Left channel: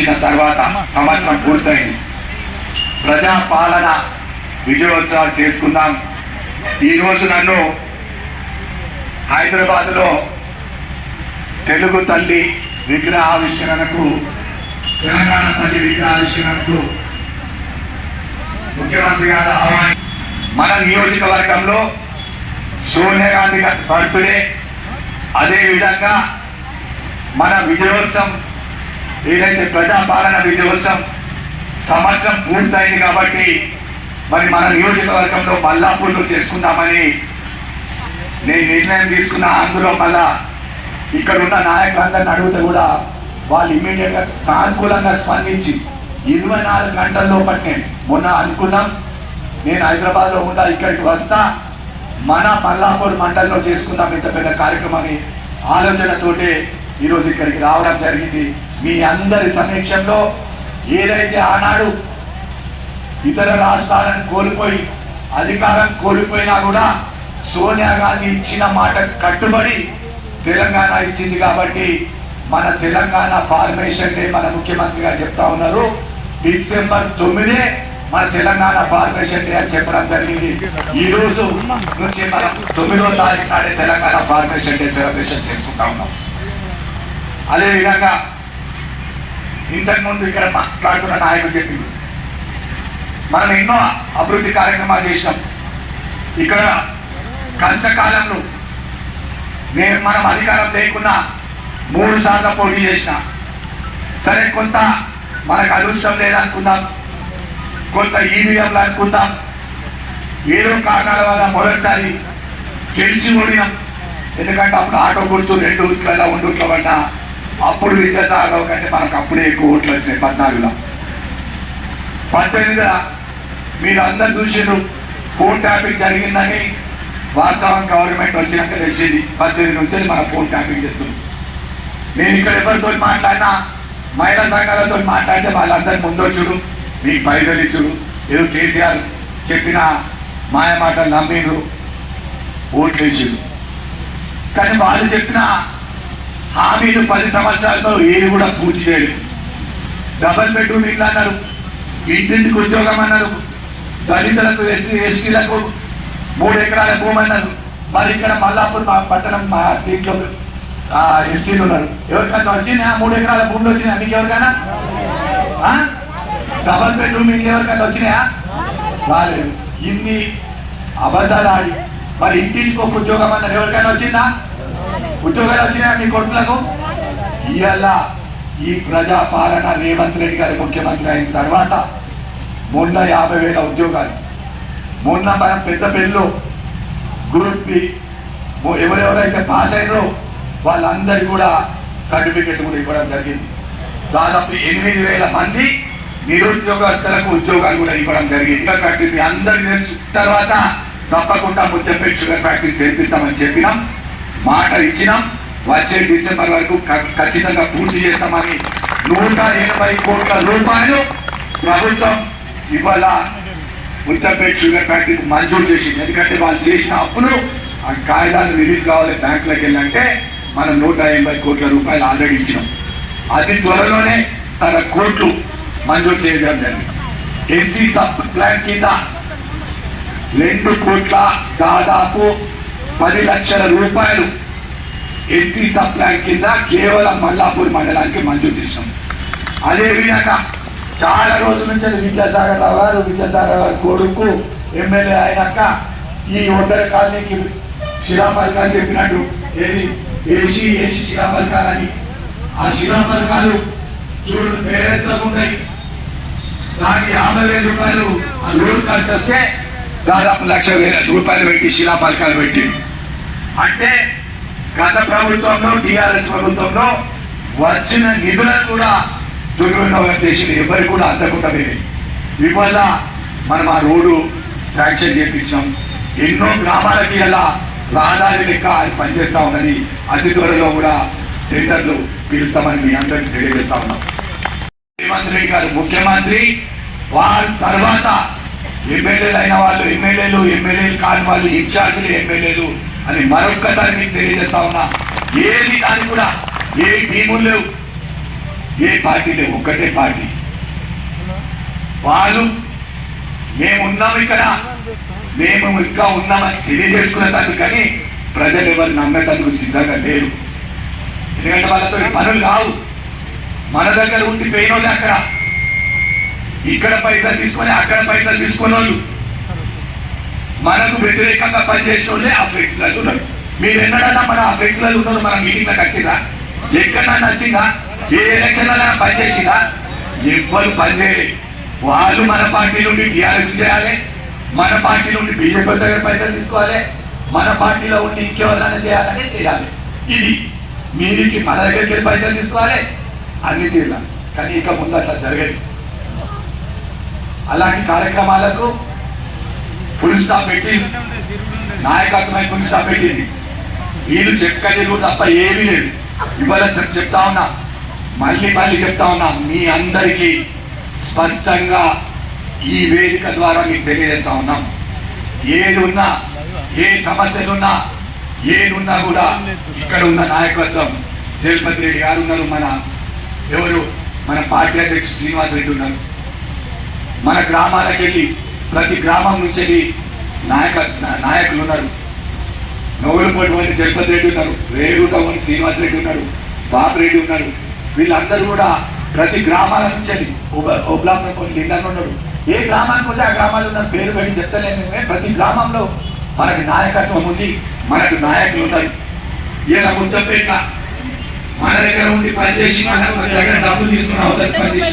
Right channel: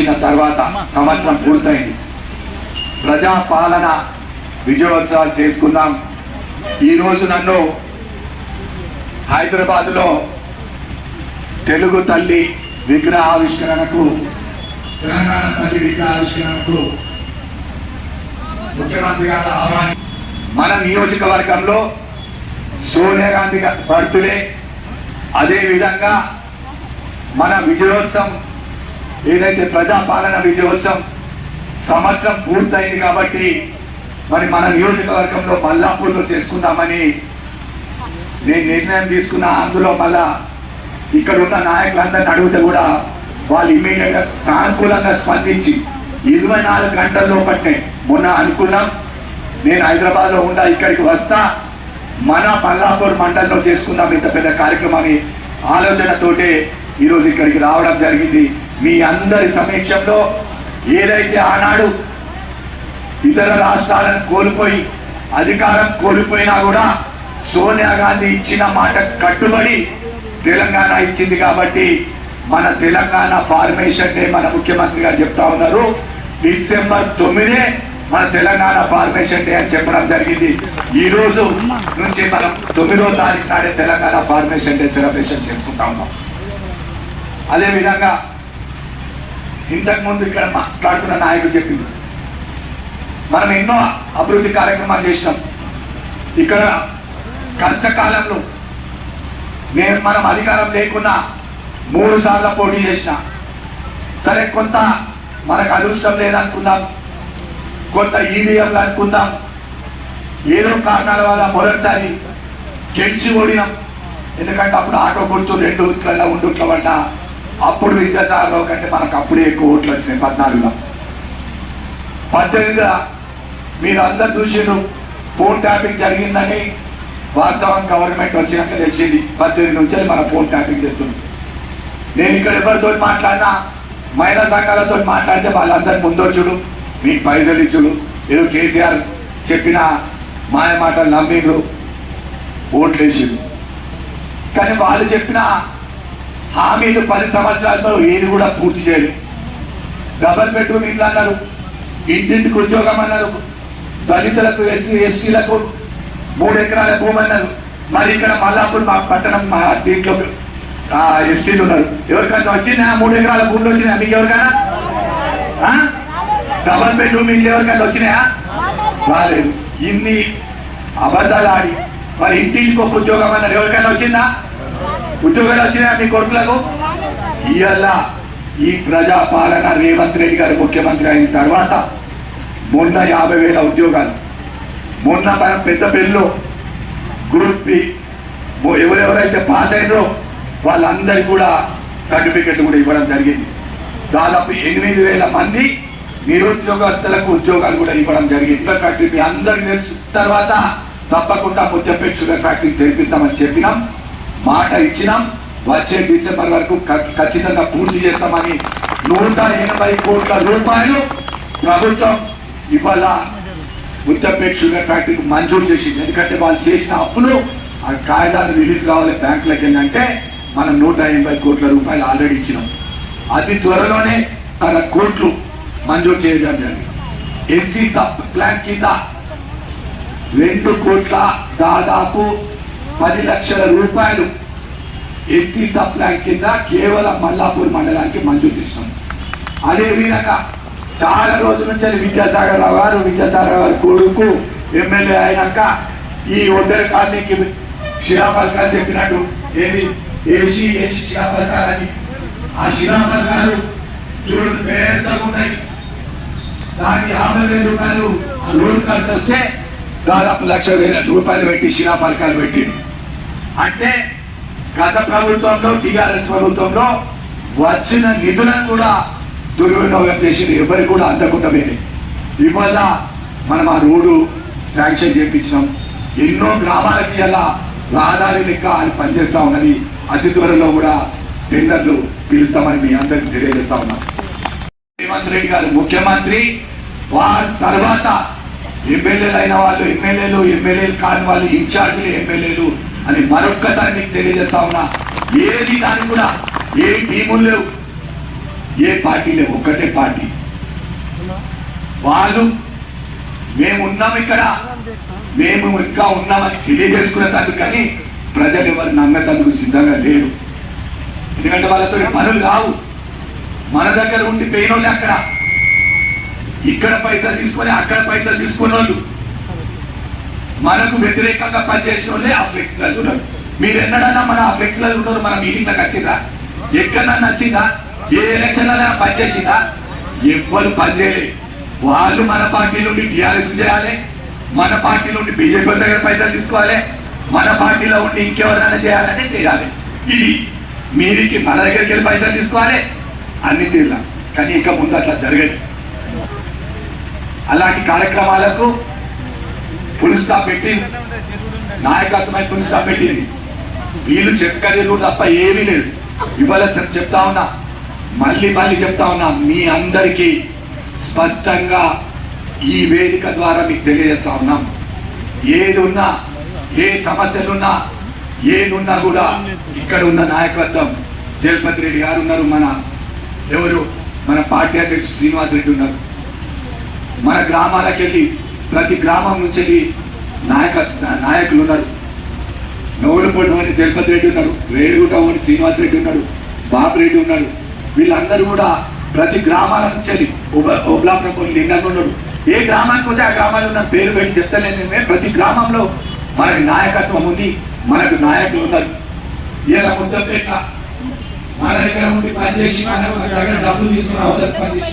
వచ్చిన తర్వాత సంవత్సరం పూర్తయింది. ప్రజా పాలన విజయోత్సవాలు చేసుకుందాం. ఈ రోజు నన్ను హైదరాబాద్లో తెలుగు తల్లి విగ్రహ ఆవిష్కరణకు తెలంగాణ తల్లి విగ్రహ ఆవిష్కరణకు ముఖ్యమంత్రి గారు ఆహ్వానం మన నియోజకవర్గంలో సోనియా గాంధీ గారి బర్త్డే. అదేవిధంగా మన విజయోత్సవం ఏదైతే ప్రజాపాలన విజయోత్సవం సంవత్సరం పూర్తయింది కాబట్టి మరి మన నియోజకవర్గంలో మల్లాపూర్లు చేసుకుందామని నేను నిర్ణయం తీసుకున్న. అందులో మళ్ళా ఇక్కడ ఉన్న నాయకులందరిని అడిగితే కూడా వాళ్ళు ఇమీడియట్గా సానుకూలంగా స్పందించి ఇరవై నాలుగు గంటల్లో పట్టే మొన్న అనుకున్నాం. నేను హైదరాబాద్లో ఉండా ఇక్కడికి వస్తా. మన మల్లాపూర్ మండలంలో చేసుకుందాం ఇంత పెద్ద కార్యక్రమాన్ని ఆలోచనతోటే ఈరోజు ఇక్కడికి రావడం జరిగింది. మీ అందరి సమీక్షంలో ఏదైతే ఆనాడు ఇతర రాష్ట్రాలను కోల్పోయి అధికారం కోల్పోయినా కూడా సోనియా గాంధీ ఇచ్చిన మాట కట్టుబడి తెలంగాణ ఇచ్చింది కాబట్టి మన తెలంగాణ ఫార్మేషన్ డే మన ముఖ్యమంత్రి గారు చెప్తా ఉన్నారు. డిసెంబర్ తొమ్మిదే మన తెలంగాణ ఫార్మేషన్ డే అని చెప్పడం జరిగింది. ఈ రోజు నుంచి మనం తొమ్మిదో తారీఖు నాడే తెలంగాణ ఫార్మేషన్ డే సెలబ్రేషన్ చేసుకుంటా ఉన్నాం. అదేవిధంగా ఇంతకుముందు ఇంతకు ముందు ఇక్కడ మాట్లాడుతున్న నాయకుడు చెప్పింది. మనం ఎన్నో అభివృద్ధి కార్యక్రమాలు చేసినాం. ఇక్కడ కష్టకాలంలో నేను మనం అధికారం లేకుండా మూడు సార్లు పోటీ చేసిన. సరే కొంత మనకు అదృష్టం లేదనుకుందాం. కొంత ఈవీఎంలు అనుకుందాం. ఏదో కారణాల వల్ల మొదటిసారి గెలిచి ఓడినాం ఎందుకంటే అప్పుడు ఆటో గుర్తు రెండు ఊట్ల ఉండుట్ల వల్ల అప్పుడు విద్యాసాగరావు కంటే మనకు అప్పుడే ఎక్కువ ఓట్లు వచ్చినాయి పద్నాలుగులో. పద్దెనిమిదిలో మీరు అందరు చూసారు ఫోన్ ట్యాపింగ్ జరిగిందని వాస్తవం గవర్నమెంట్ వచ్చినాక తెలిసింది పద్దెనిమిది నుంచి మన ఫోన్ ట్యాపింగ్ చేస్తుంది. నేను ఇక్కడ ఎవరితో మాట్లాడినా మహిళా సంఘాలతో మాట్లాడితే వాళ్ళందరూ ముందొచ్చుడు మీకు పైసలు ఇచ్చుడు. ఏదో కేసీఆర్ చెప్పిన మాయ మాటలు నమ్మిండ్రు ఓట్లు వేసిండు కానీ వాళ్ళు చెప్పిన హామీలు పది సంవత్సరాల్లో ఏది కూడా పూర్తి చేయలేదు. డబల్ బెడ్రూమ్ ఇల్లు అన్నారు. ఇంటింటికి ఉద్యోగం అన్నారు. దళితులకు ఎస్సీ ఎస్టీలకు మూడు ఎకరాల భూమి అన్నారు. మరి ఇక్కడ మల్లాపూర్ మా పట్టణం మా దీంట్లో ఎస్టీలు ఉన్నారు. ఎవరికైనా వచ్చినా మూడు ఎకరాల భూములు వచ్చినా మీకు ఎవరికైనా? ఆ? డబల్ బెడ్రూమ్ మీకు ఎవరికైనా వచ్చినాయా? రాలేదు. ఇన్ని అబద్ధాలు ఆడి మరి ఇంటికి ఒక ఉద్యోగం అన్నారు. ఎవరికైనా వచ్చిందా? ఉద్యోగాలు వచ్చినా మీ కొడుకులకు? ఇవాళ ఈ ప్రజా పాలన రేవంత్ రెడ్డి గారు ముఖ్యమంత్రి అయిన తర్వాత మొన్న యాభై వేల ఉద్యోగాలు. మొన్న మన పెద్ద పెళ్ళు గ్రూప్ బి. ఎవరెవరైతే పాస్ అయినో వాళ్ళందరికీ కూడా సర్టిఫికెట్ కూడా ఇవ్వడం జరిగింది. దాదాపు ఎనిమిది వేల మంది నిరుద్యోగస్తులకు ఉద్యోగాలు కూడా ఇవ్వడం జరిగింది. ఇంకా ఫ్యాక్టరీ అందరికి తెలుసు. తర్వాత తప్పకుండా ముచ్చంపేట షుగర్ ఫ్యాక్టరీ తెరిపిస్తామని చెప్పినాం. మాట ఇచ్చినాం వచ్చే డిసెంబర్ వరకు ఖచ్చితంగా పూర్తి చేస్తామని నూట ఎనభై కోట్ల రూపాయలు ప్రభుత్వం ఇవాళ ఉత్తర్పేట షుగర్ ఫ్యాక్టరీకి మంజూరు చేసింది. ఎందుకంటే వాళ్ళు చేసిన అప్పులు ఆ కాగితాలు రిలీజ్ కావాలి బ్యాంకులకు వెళ్ళంటే మనం నూట ఎనభై కోట్ల రూపాయలు ఆల్రెడీ ఇచ్చినాం. అతి త్వరలోనే తన కోట్లు మంజూరు చేయడం జరిగింది. ఎస్సీ సబ్ ప్లాన్ కింద రెండు కోట్ల దాదాపు పది లక్షల రూపాయలు ఎస్సీ సబ్ ప్లాన్ కింద కేవలం మల్లాపూర్ మండలానికి మంజూరు చేసాం అదేవిధంగా చాలా రోజుల నుంచి విద్యాసాగర్ రావు గారు విద్యాసాగర్ గారు కొడుకు ఎమ్మెల్యే అయినాక ఈ ఒంటరి కాలనీకి శిలాపలకాలు చెప్పినట్టు ఏది? ఏసీ ఏసీ శిలాపలకాలు ఆ శిలాపలకాలు చూడు పెద్దగా ఉన్నాయి దానికి యాభై వేల రూపాయలు ఆ లోన్ ఖర్చు వస్తే దాదాపు లక్ష వేల రూపాయలు పెట్టి శిలాపలకాలు పెట్టి అంటే గత ప్రభుత్వంలో టిఆర్ఎస్ ప్రభుత్వంలో వచ్చిన నిధులను కూడా దుర్వినియోగం చేసి ఎవరు కూడా అందకుండా పోయింది ఇవాళ మనం ఆ రోడ్డు శాంక్షన్ చేపించాం. ఎన్నో గ్రామాలకి ఎలా రహదారి లెక్క అది పనిచేస్తా ఉన్నది. అతి త్వరలో కూడా టెండర్లు పిలుస్తామని మీ అందరికీ తెలియజేస్తా ఉన్నాం. ముఖ్యమంత్రి గారు ముఖ్యమంత్రి వారి తర్వాత ఎమ్మెల్యేలు అయిన వాళ్ళు ఎమ్మెల్యేలు ఎమ్మెల్యేలు కాని వాళ్ళు ఇన్ఛార్జీలు ఎమ్మెల్యేలు అని మరొక్కసారి మీకు తెలియజేస్తా ఉన్నా. ఏది దానికి కూడా ఏ టీములు లేవు. ఏ పార్టీ లేవు. ఒక్కటే పార్టీ. వాళ్ళు మేము ఉన్నాం ఇక్కడ. మేము ఇంకా ఉన్నామని తెలియజేసుకునేందుకు కానీ ప్రజలు ఎవరు నమ్మేటందుకు సిద్ధంగా లేరు. ఎందుకంటే వాళ్ళతో పనులు కావు మన దగ్గర ఉండి పోయిన వాళ్ళు అక్కడ. ఇక్కడ పైసలు తీసుకొని అక్కడ పైసలు తీసుకునే వాళ్ళు మనకు వ్యతిరేకంగా పనిచేసిన వాళ్ళే ఆ ఫ్లెక్స్లలో ఉన్నారు. మీరు ఎన్నడన్నా మన ఆ ఫ్లెక్స్లలో ఉన్నారు మన మీటింగ్లకు వచ్చిందా ఎక్కడన్నా నచ్చిందా? ఏ ఎలక్షన్ పనిచేసిందా? ఎవ్వరు పనిచేయలేదు వాళ్ళు మన పార్టీ నుండి టీఆర్ఎస్ చేయాలి మన పార్టీ నుండి బీజేపీ దగ్గర పైసలు తీసుకోవాలి. మన పార్టీలో ఉండి ఇంకెవరైనా చేయాలని చేయాలి. ఇది మీరికి మన దగ్గరికి వెళ్ళి పైసలు తీసుకోవాలి. అన్ని తీరులా. కానీ ఇక ముందు అట్లా జరగదు. అలాంటి కార్యక్రమాలకు ఫుల్ స్టాప్ పెట్టి. నాయకత్వమై ఫుల్ స్టాప్ పెట్టింది. వీళ్ళు చెక్కలేదు తప్ప ఏమీ లేదు. ఇవాళ చెప్తా ఉన్నా. మళ్ళీ మళ్ళీ చెప్తా ఉన్నా. మీ అందరికీ స్పష్టంగా ఈ వేదిక ద్వారా మీకు తెలియజేస్తా ఉన్నాం. ఏది ఉన్నా ఏ సమస్యలున్నా ఏదున్నా కూడా ఇక్కడ ఉన్న నాయకత్వం. జగపతి రెడ్డి గారు ఉన్నారు మన ఎవరు? మన పార్టీ అధ్యక్షుడు శ్రీనివాస్ రెడ్డి ఉన్నారు. మన గ్రామాలకు వెళ్ళి ప్రతి గ్రామం నుంచి నాయక నాయకులు ఉన్నారు. నవ్వులపోటి వంటి జగపతి రెడ్డి ఉన్నారు. రేగుట వంటి శ్రీనివాస్ రెడ్డి ఉన్నారు. బాబు రెడ్డి ఉన్నారు. వీళ్ళందరూ కూడా ప్రతి గ్రామాల నుంచి వెళ్ళి కొన్ని లింగాలు ఉన్నాడు ఏ గ్రామానికి వస్తే ఆ గ్రామాలు ఉన్న పేరు పెట్టి చెప్తలేదు ప్రతి గ్రామంలో మనకి నాయకత్వం ఉంది. మనకు నాయకులు ఉన్నాయి ఇలా ముద్దపేట మన దగ్గర ఉండి పనిచేసి మన మన దగ్గర డబ్బులు తీసుకుని అవతల పనిచేసి